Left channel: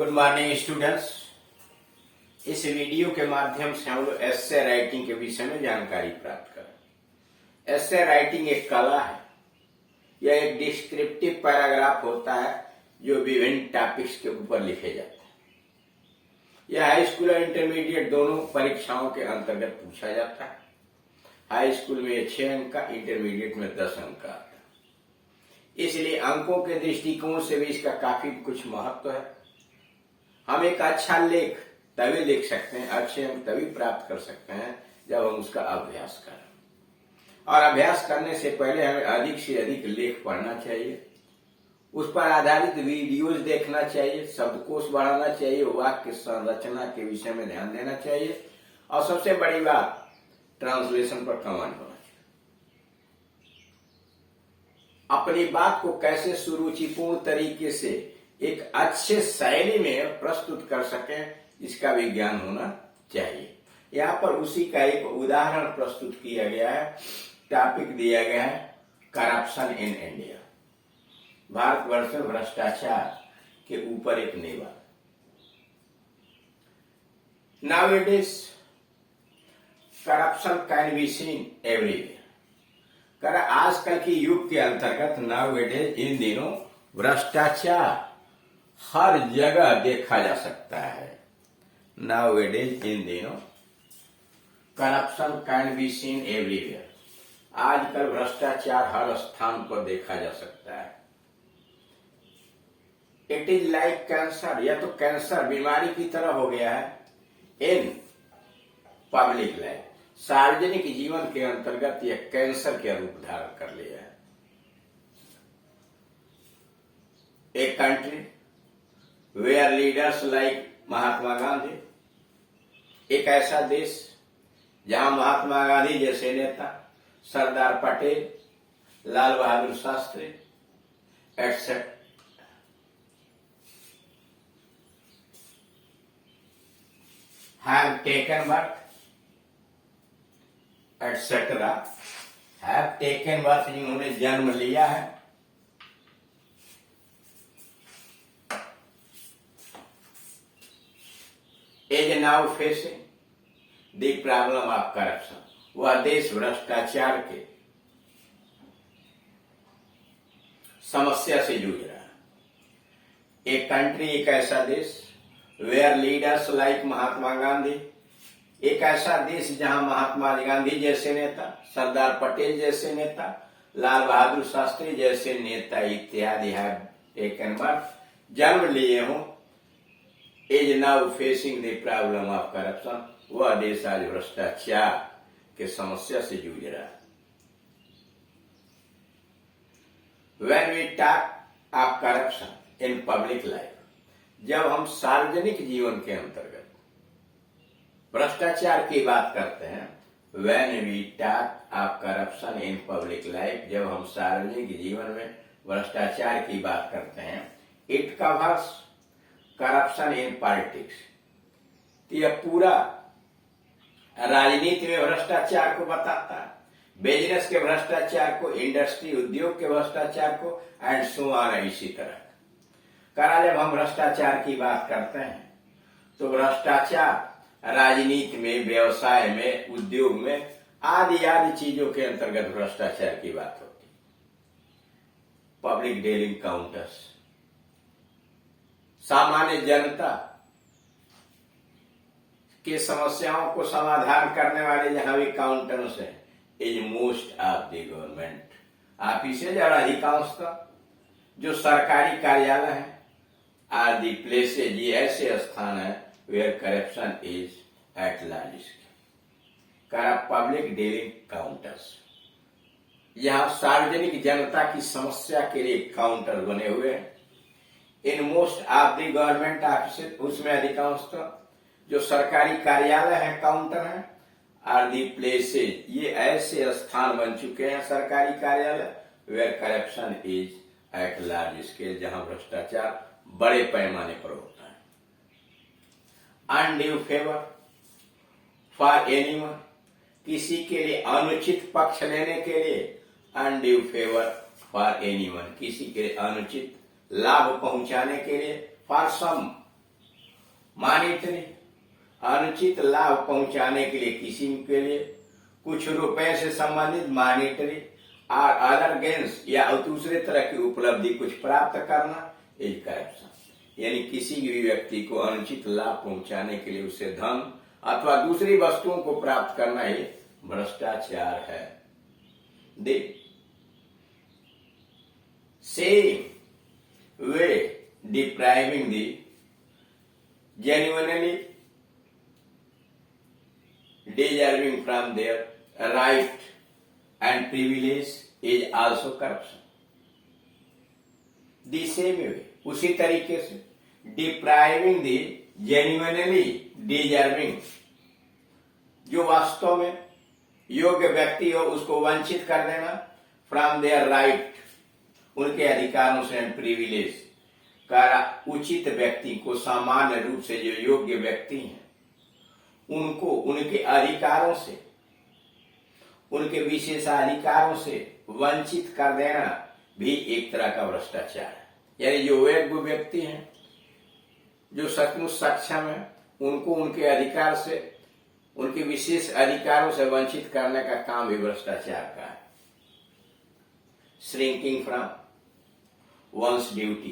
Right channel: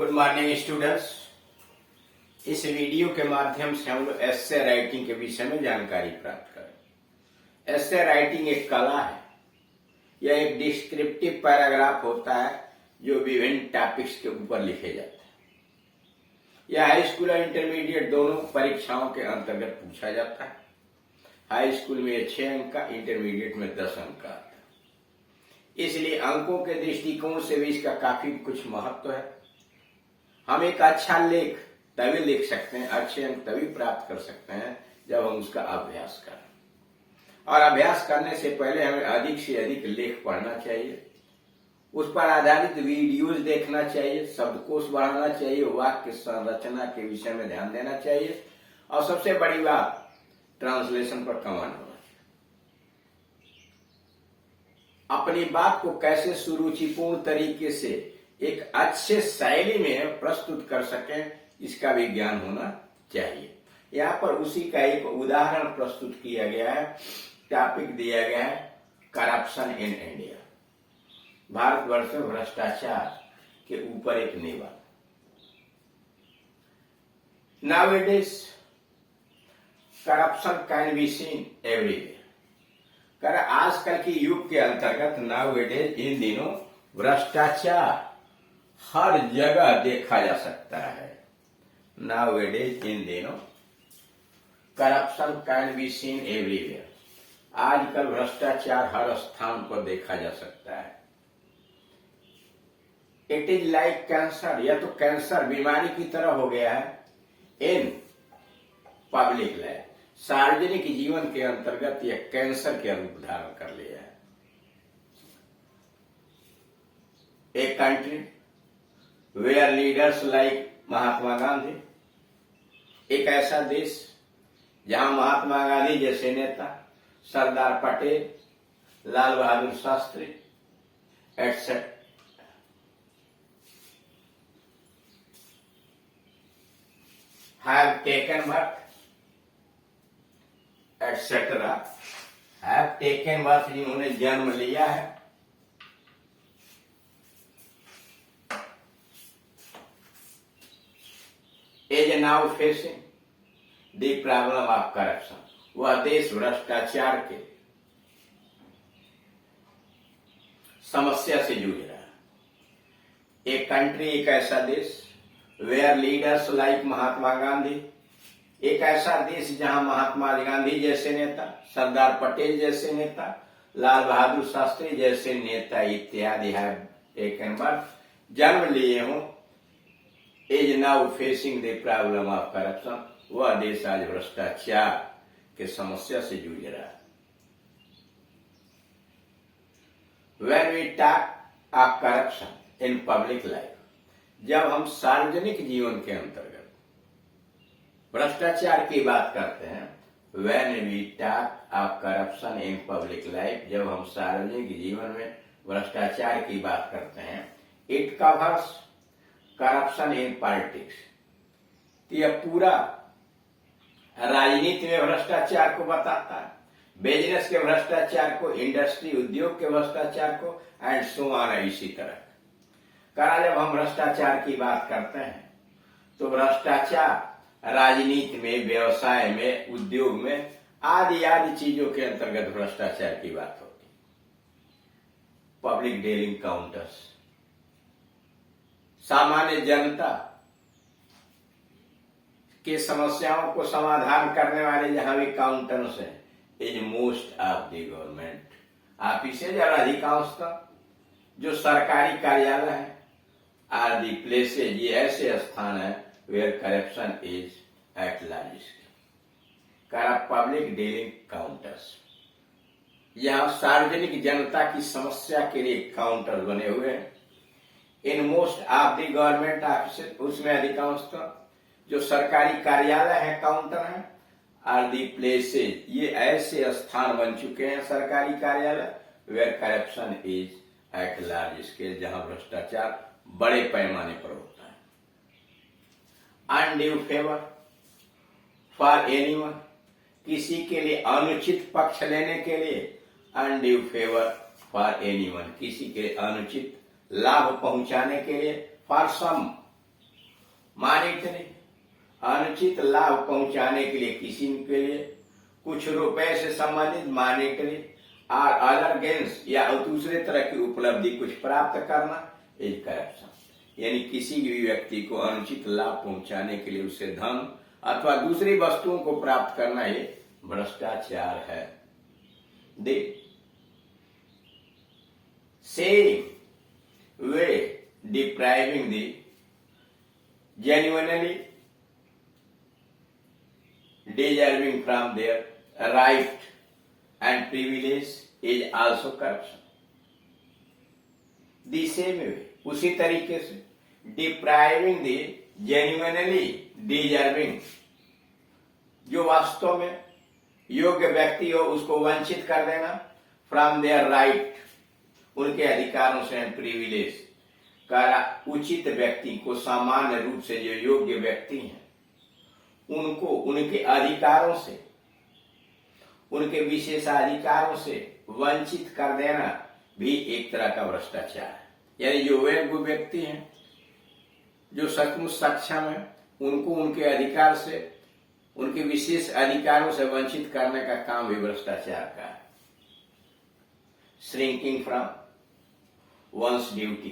Good morning students. इस video के माध्यम से हम लोग एस्से राइटिंग के विषय में जानकारी प्राप्त करें। एस्से राइटिंग एक कला है। यह एक डिस्क्रिप्टिव पैराग्राफ होता है जो विभिन्न टॉपिक्स के ऊपर लिखे जाते हैं। यह हाई स्कूल और इंटरमीडिएट दोनों परीक्षाओं के अंतर्गत पूछा जाता है। हाई स्कूल में 6 अंक का, इंटरमीडिएट में 10 अंक का आता है। इसलिए अंकों के दृष्टिकोण से भी इसका काफी कुछ महत्व है। हम एक अच्छा लेख तभी लिख सकते हैं, अच्छे अंक तभी प्राप्त कर सकते हैं जब हम उसका अभ्यास करें। और अभ्यास करने से पहले हमें अधिक से अधिक लेख पढ़ना चाहिए, उस पर आधारित वीडियोज देखना चाहिए, शब्दकोश बढ़ाना चाहिए, वाक्य संरचना के विषय में ध्यान देना चाहिए और सबसे बड़ी बात ट्रांसलेशन पर कमांड होना चाहिए। अपनी बात को कैसे सुरुचिपूर्ण तरीके से एक अच्छे शैली में प्रस्तुत कर सकें, इसका भी ज्ञान होना चाहिए। यहाँ पर उसी का एक उदाहरण प्रस्तुत किया गया है। टॉपिक दिया गया है करप्शन इन इंडिया, भारतवर्ष में भ्रष्टाचार के ऊपर एक निबंध। Nowadays corruption can be seen everywhere. आजकल के युग के अंतर्गत नाउएडेज इन दिनों भ्रष्टाचार हर जगह देखा जा सकता है। नाउएडेज इन दिनों corruption can be seen everywhere. आजकल भ्रष्टाचार हर स्थान पर देखा जा सकता है। इट इज लाइक कैंसर, यह तो कैंसर बीमारी की तरह हो गया है। इन पब्लिक लाइफ, सार्वजनिक जीवन के अंतर्गत यह कैंसर के रूप धारण कर लिया है। एक country where leaders like Mahatma Gandhi, एक ऐसा देश जहां महात्मा गांधी जैसे नेता, Sardar Patel, Lal Bahadur Shastri etcetera have taken birth, etc. have taken birth, जिन्होंने जन्म लिया है। is now facing the problem of corruption, वह देश भ्रष्टाचार के समस्या से जूझ रहा है। एक कंट्री, एक ऐसा देश, where leaders like Mahatma Gandhi, एक ऐसा देश जहां महात्मा गांधी जैसे नेता, सरदार पटेल जैसे नेता, लाल बहादुर शास्त्री जैसे नेता इत्यादि है टेकन बर्थ, जन्म लिए हों। Is now facing the problem of corruption, वह देश आज भ्रष्टाचार के समस्या से जूझ रहा है। When we talk of corruption in public life, जब हम सार्वजनिक जीवन के अंतर्गत भ्रष्टाचार की बात करते हैं, when we talk of corruption in public life, जब हम सार्वजनिक जीवन में भ्रष्टाचार की बात करते हैं, it covers corruption in politics, यह पूरा राजनीति में भ्रष्टाचार को बताता है, बिजनेस के भ्रष्टाचार को, इंडस्ट्री उद्योग के भ्रष्टाचार को, एंड सो ऑन, इसी तरह। जब हम भ्रष्टाचार की बात करते हैं तो भ्रष्टाचार राजनीति में, व्यवसाय में, उद्योग में आदि आदि चीजों के अंतर्गत भ्रष्टाचार की बात होती है। पब्लिक डीलिंग काउंटर्स, सामान्य जनता की समस्याओं को समाधान करने वाले जहां भी काउंटर्स हैं, is most of the government offices, और अधिकांशतः जो सरकारी कार्यालय है, आर दी प्लेसेज, ये ऐसे स्थान है where corruption is at large scale. Public dealing counters, यहां सार्वजनिक जनता की समस्या के लिए काउंटर बने हुए हैं। In most of the government office, उसमें अधिकांशतः जो सरकारी कार्यालय है काउंटर है। आर दी प्लेसेज, ये ऐसे स्थान बन चुके हैं सरकारी कार्यालय where corruption is at large scale, जहां भ्रष्टाचार बड़े पैमाने पर होता है। अनड्यू फेवर फॉर एनीवन, किसी के लिए अनुचित पक्ष लेने के लिए, अनड्यू फेवर फॉर एनीवन, किसी के लिए अनुचित लाभ पहुंचाने के लिए, फॉर सम मॉनिटरी, अनुचित लाभ पहुंचाने के लिए किसी के लिए, कुछ रुपए से संबंधित मॉनिटरी और अदर गेन्स या दूसरे तरह की उपलब्धि कुछ प्राप्त करना इज करप्शन। यानी किसी भी व्यक्ति को अनुचित लाभ पहुंचाने के लिए उसे धन अथवा दूसरी वस्तुओं को प्राप्त करना ही भ्रष्टाचार है। The same way depriving the genuinely deserving from their right and privilege is also corruption. The same way, उसी तरीके से depriving the genuinely deserving, जो वास्तव में योग्य व्यक्ति हो उसको वंचित कर देना फ्रॉम देयर राइट, उनके अधिकारों से एंड प्रिविलेज का, उचित व्यक्ति को सामान्य रूप से जो योग्य व्यक्ति हैं उनको उनके अधिकारों से, उनके विशेषाधिकारों से वंचित कर देना भी एक तरह का भ्रष्टाचार है। यानी जो योग्य व्यक्ति हैं, जो सचमुच सक्षम है, उनको उनके अधिकार से, उनके विशेष अधिकारों से वंचित करने का काम भी भ्रष्टाचार का है। श्रिंकिंग फ्रॉम वंस ड्यूटी,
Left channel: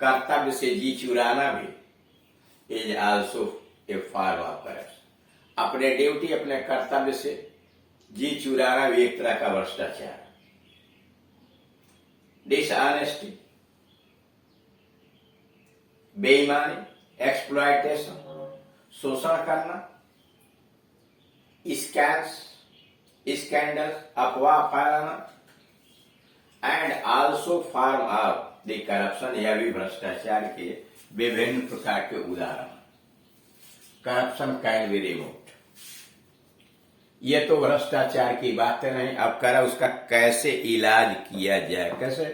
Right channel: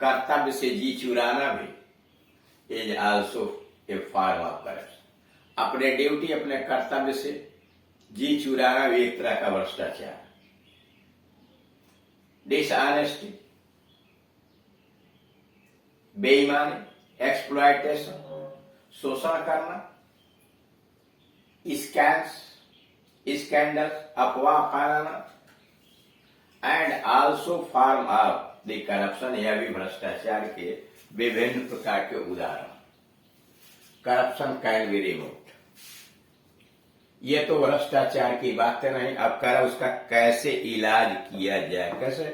कर्तव्य से जी चुराना भी is also a form of corruption. अपने ड्यूटी, अपने कर्तव्य से जी चुराना भी एक तरह का भ्रष्टाचार। डिसऑनेस्टी, बेईमानी, एक्सप्लॉयटेशन, शोषण करना, स्कैंडल, अफवाह फैलाना, and also form of the corruption, यह भी भ्रष्टाचार के विभिन्न प्रकार के उदाहरण। करप्शन कैन बी रिमूव्ड, ये तो भ्रष्टाचार की बातें नहीं। अब करा उसका कैसे इलाज किया जाए, कैसे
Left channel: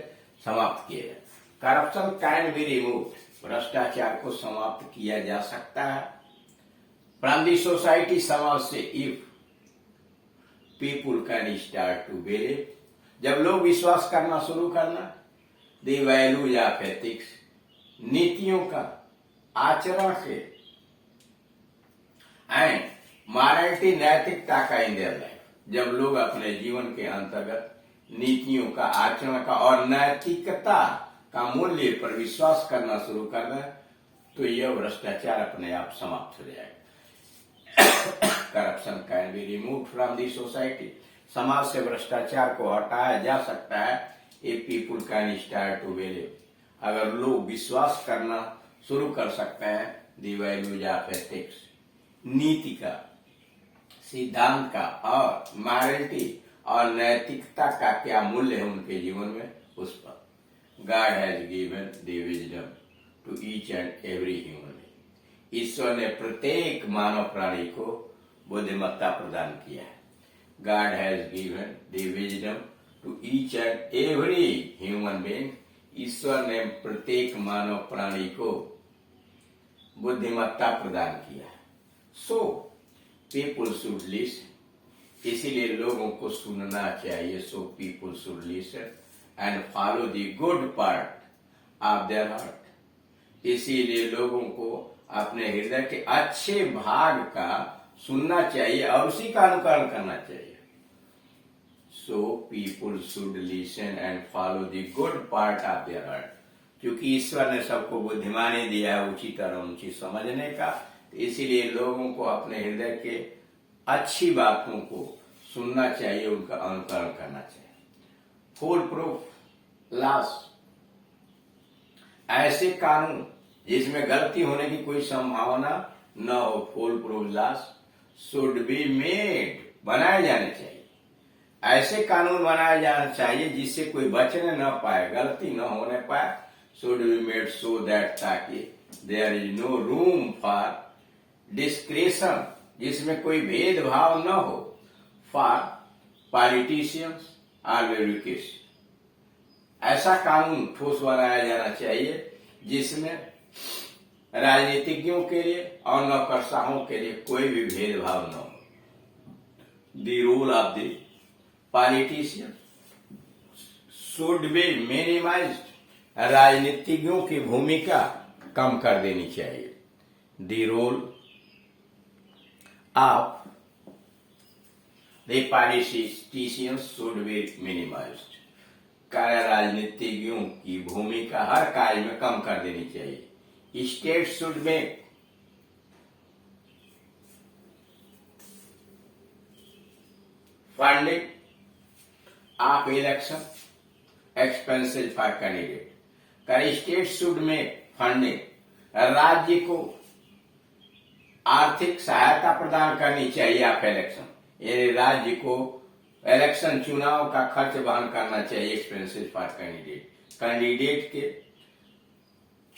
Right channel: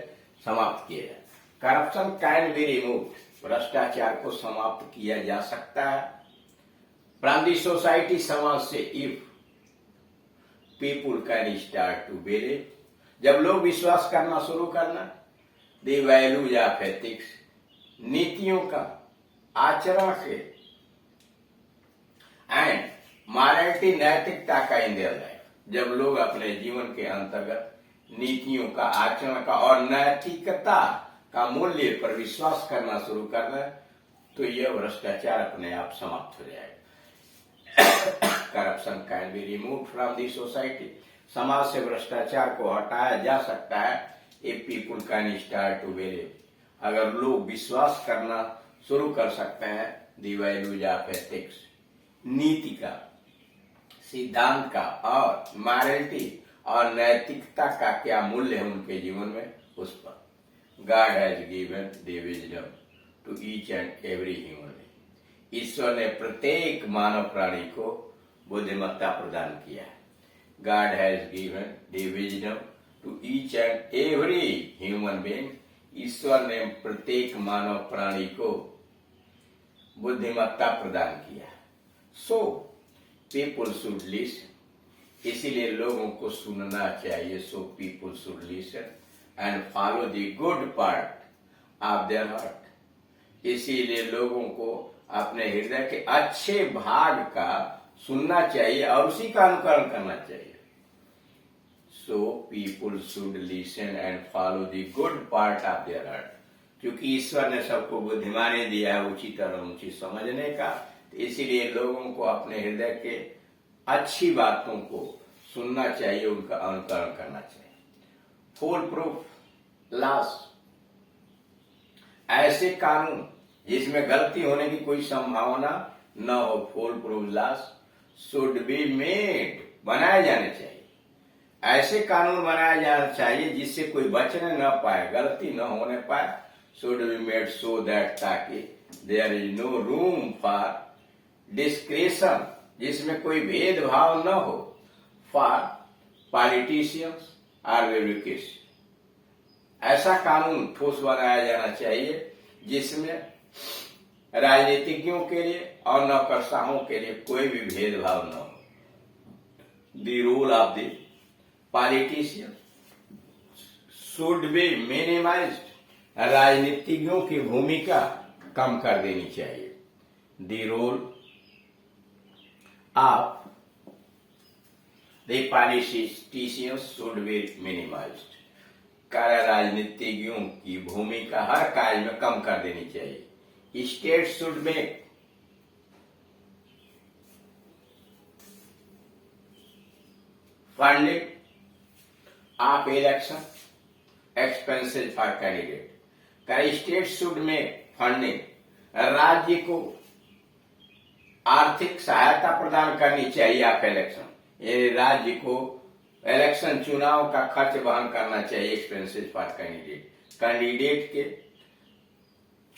समाप्त किया जाए। करप्शन कैन बी रिमूव्ड, भ्रष्टाचार को समाप्त किया जा सकता है फ्रॉम द सोसाइटी, समाज से, if people can start to believe, जब लोग विश्वास करना शुरू करना, द वैल्यूज ऑफ एथिक्स, नीतियों का, आचरण के, एंड मॉरलिटी, नैतिकता का इन देयर लाइफ, जब लोग अपने जीवन के अंतर्गत नीतियों का, आचरण का और नैतिकता का मूल्य पर विश्वास करना शुरू करना, तो यह भ्रष्टाचार अपने आप समाप्त हो जाएगा। Corruption can be removed from the society, समाज से भ्रष्टाचार को हटाया जा सकता है if people can start to believe, अगर लोग विश्वास करना शुरू कर सकते हैं द वैल्यूज ऑफ एथिक्स, नीति का, सिद्धांत का और मॉरलिटी और नैतिकता का क्या मूल्य है उनके जीवन में, उस पर। God has given the wisdom to each and every human, ईश्वर ने प्रत्येक मानव प्राणी को बुद्धिमत्ता प्रदान किया है। God has given the wisdom to each and every human being, ईश्वर ने प्रत्येक मानव प्राणी को बुद्धिमत्ता प्रदान किया है। सो पीपुल शुड लिसन, इसीलिए लोगों को सुनना चाहिए। So people should listen and follow the good part of their heart, इसीलिए लोगों को अपने हृदय के अच्छे भाग का सुनना चाहिए और उसी का अनुकरण करना चाहिए। So people should listen and follow the good part of their heart, क्योंकि ईश्वर ने सबको बुद्धिमानी दिया है उचित और अनुचित समझने का, तो इसीलिए लोगों को अपने हृदय के अच्छी बातों को सुनना चाहिए, उनका अनुकरण करना चाहिए। फुल प्रूफ लॉस, ऐसे कानून जिसमें गलती होने की कोई संभावना न हो, full proof loss should be made, बनाए जाने चाहिए। ऐसे कानून बनाए जाना चाहिए जिससे कोई बचने न पाए, गलती न होने पाए। Should be made so that, ताकि there is no room for discretion, जिसमें कोई भेदभाव न हो, फॉर पॉलिटिशियंस और ब्यूरोक्रेसी। ऐसा कानून ठोस बनाया जाना चाहिए जिसमें राजनीतिज्ञों के लिए और नौकरशाहों के लिए कोई भी भेदभाव न हो। The role of the politician should be minimised, राजनीतिज्ञों की भूमिका कम कर देनी चाहिए। the role of the politicians should be minimized. कार्य राजनीतिज्ञों की भूमिका हर कार्य में कम कर देनी चाहिए. State should make funding of election expenses for candidate. कार्य स्टेट शुड मेक फंडिंग, राज्य को आर्थिक सहायता प्रदान करनी चाहिए आप इलेक्शन, राज्य को इलेक्शन चुनाव का खर्च वहन करना चाहिए. एक्सपेंसेस फॉर कैंडिडेट, कैंडिडेट के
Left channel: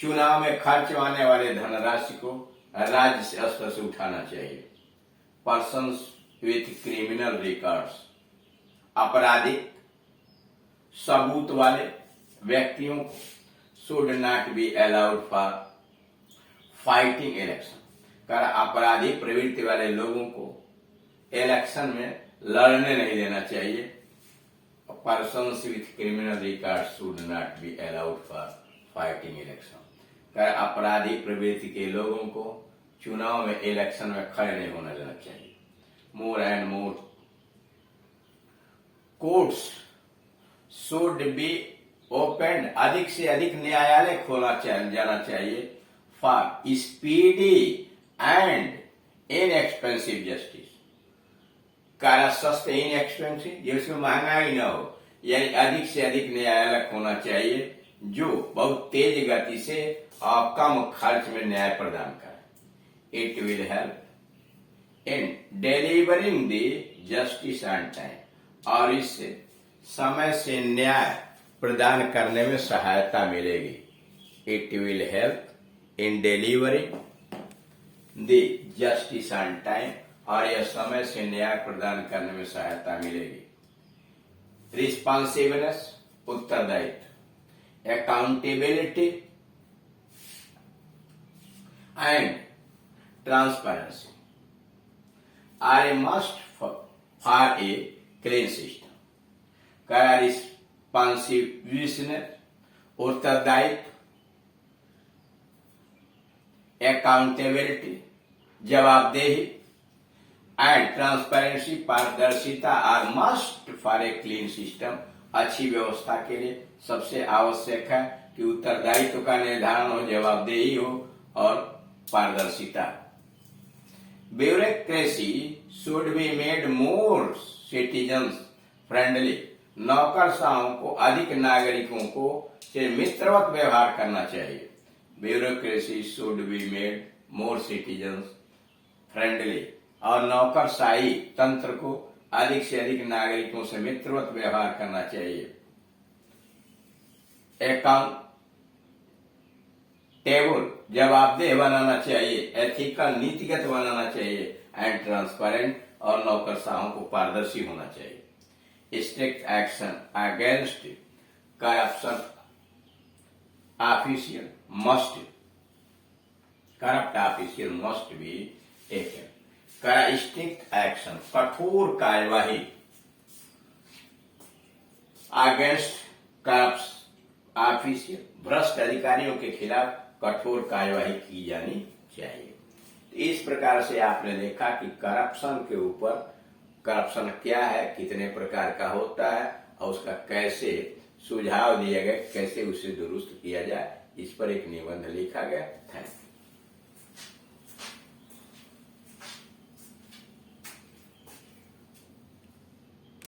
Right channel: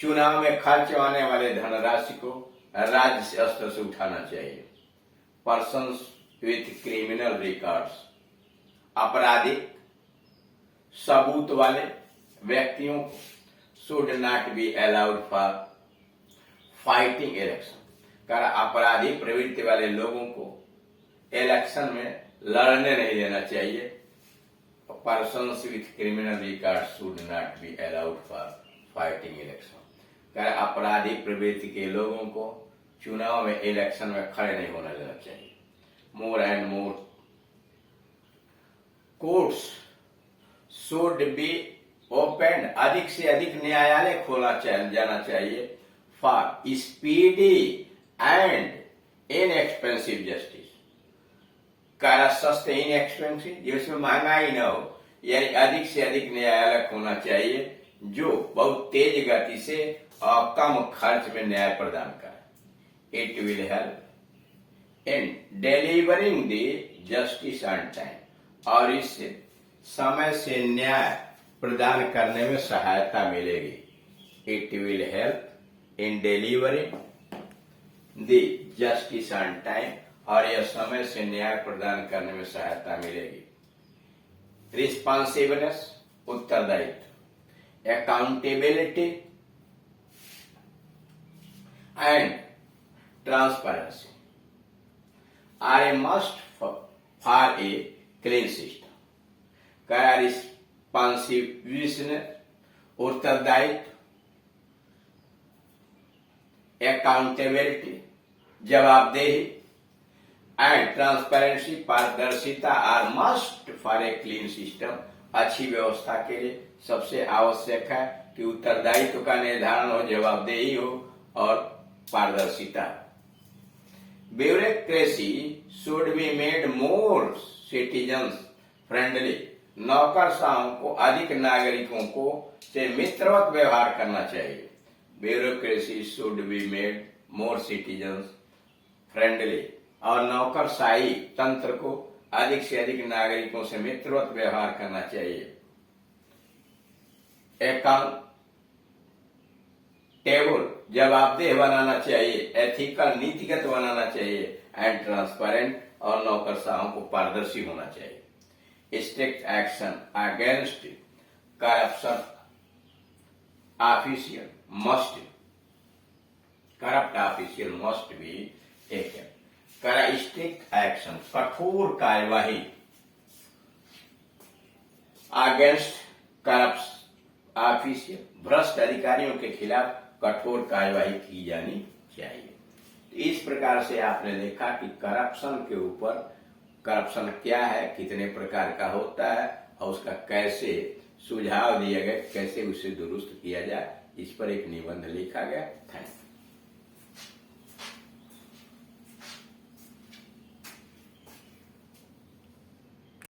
चुनाव में खर्च आने वाले धनराशि को राज्य स्तर से उठाना चाहिए. पर्सन्स विथ क्रिमिनल रिकॉर्ड्स, आपराधिक सबूत वाले व्यक्तियों को should not be allowed for fighting election. कर अपराधी प्रवृत्ति वाले लोगों को इलेक्शन में लड़ने नहीं देना चाहिए. Persons with criminal record should not be allowed for fighting election. कर आपराधिक प्रवृत्ति के लोगों को चुनाव में इलेक्शन में खड़े नहीं होने देना चाहिए. More and more courts should be open, अधिक से अधिक न्यायालय खोला जाना चाहिए for speedy and inexpensive justice. कारा सस्ते इनएक्सपेंसिव, जिसमें महंगाई न हो, यानी अधिक से अधिक न्यायालय होना चाहिए जो बहुत तेज गति से और कम खर्च में न्याय प्रदान करे. It will help in delivering the justice on time, और इससे समय से न्याय प्रदान करने में सहायता मिलेगी. It will help in delivering the justice on time, और यह समय से न्याय प्रदान करने में सहायता मिलेगी. रिस्पॉन्सिबनेस, उत्तरदायित्व, accountability and transparency are a must for a clean system. क्या रिस्पॉन्सिबिलिटी, उत्तरदायित्व, अकाउंटेबिलिटी, जवाबदेही एंड ट्रांसपेरेंसी, पारदर्शिता are must for a clean system. अच्छी व्यवस्था के लिए सबसे आवश्यक है कि उत्तरदायित्व का निर्धारण हो, जवाबदेही हो और पारदर्शिता. Bureaucracy should be made more citizen friendly. नौकरशाहों को अधिक नागरिकों को से मित्रवत व्यवहार करना चाहिए. Bureaucracy should be made more citizen friendly, और नौकरशाही तंत्र को अधिक से अधिक नागरिकों से मित्रवत व्यवहार करना चाहिए. अकाउंटेबल, जवाबदेह बनाना चाहिए. एथिकल, नीतिगत बनाना चाहिए. एंड ट्रांसपेरेंट, और नौकरशाहों को पारदर्शी होना चाहिए. Strict action against corruption official must, corrupt official must be taken. Strict action, कठोर कार्यवाही अगेंस्ट करप्ट ऑफिशियल, भ्रष्ट अधिकारियों के खिलाफ कठोर कार्यवाही की जानी चाहिए. इस प्रकार से आपने देखा कि करप्शन के ऊपर, करप्शन क्या है, कितने प्रकार का होता है और उसका कैसे सुझाव दिया गया, कैसे उसे दुरुस्त किया जाए, इस पर एक निबंध लिखा गया. Thank you.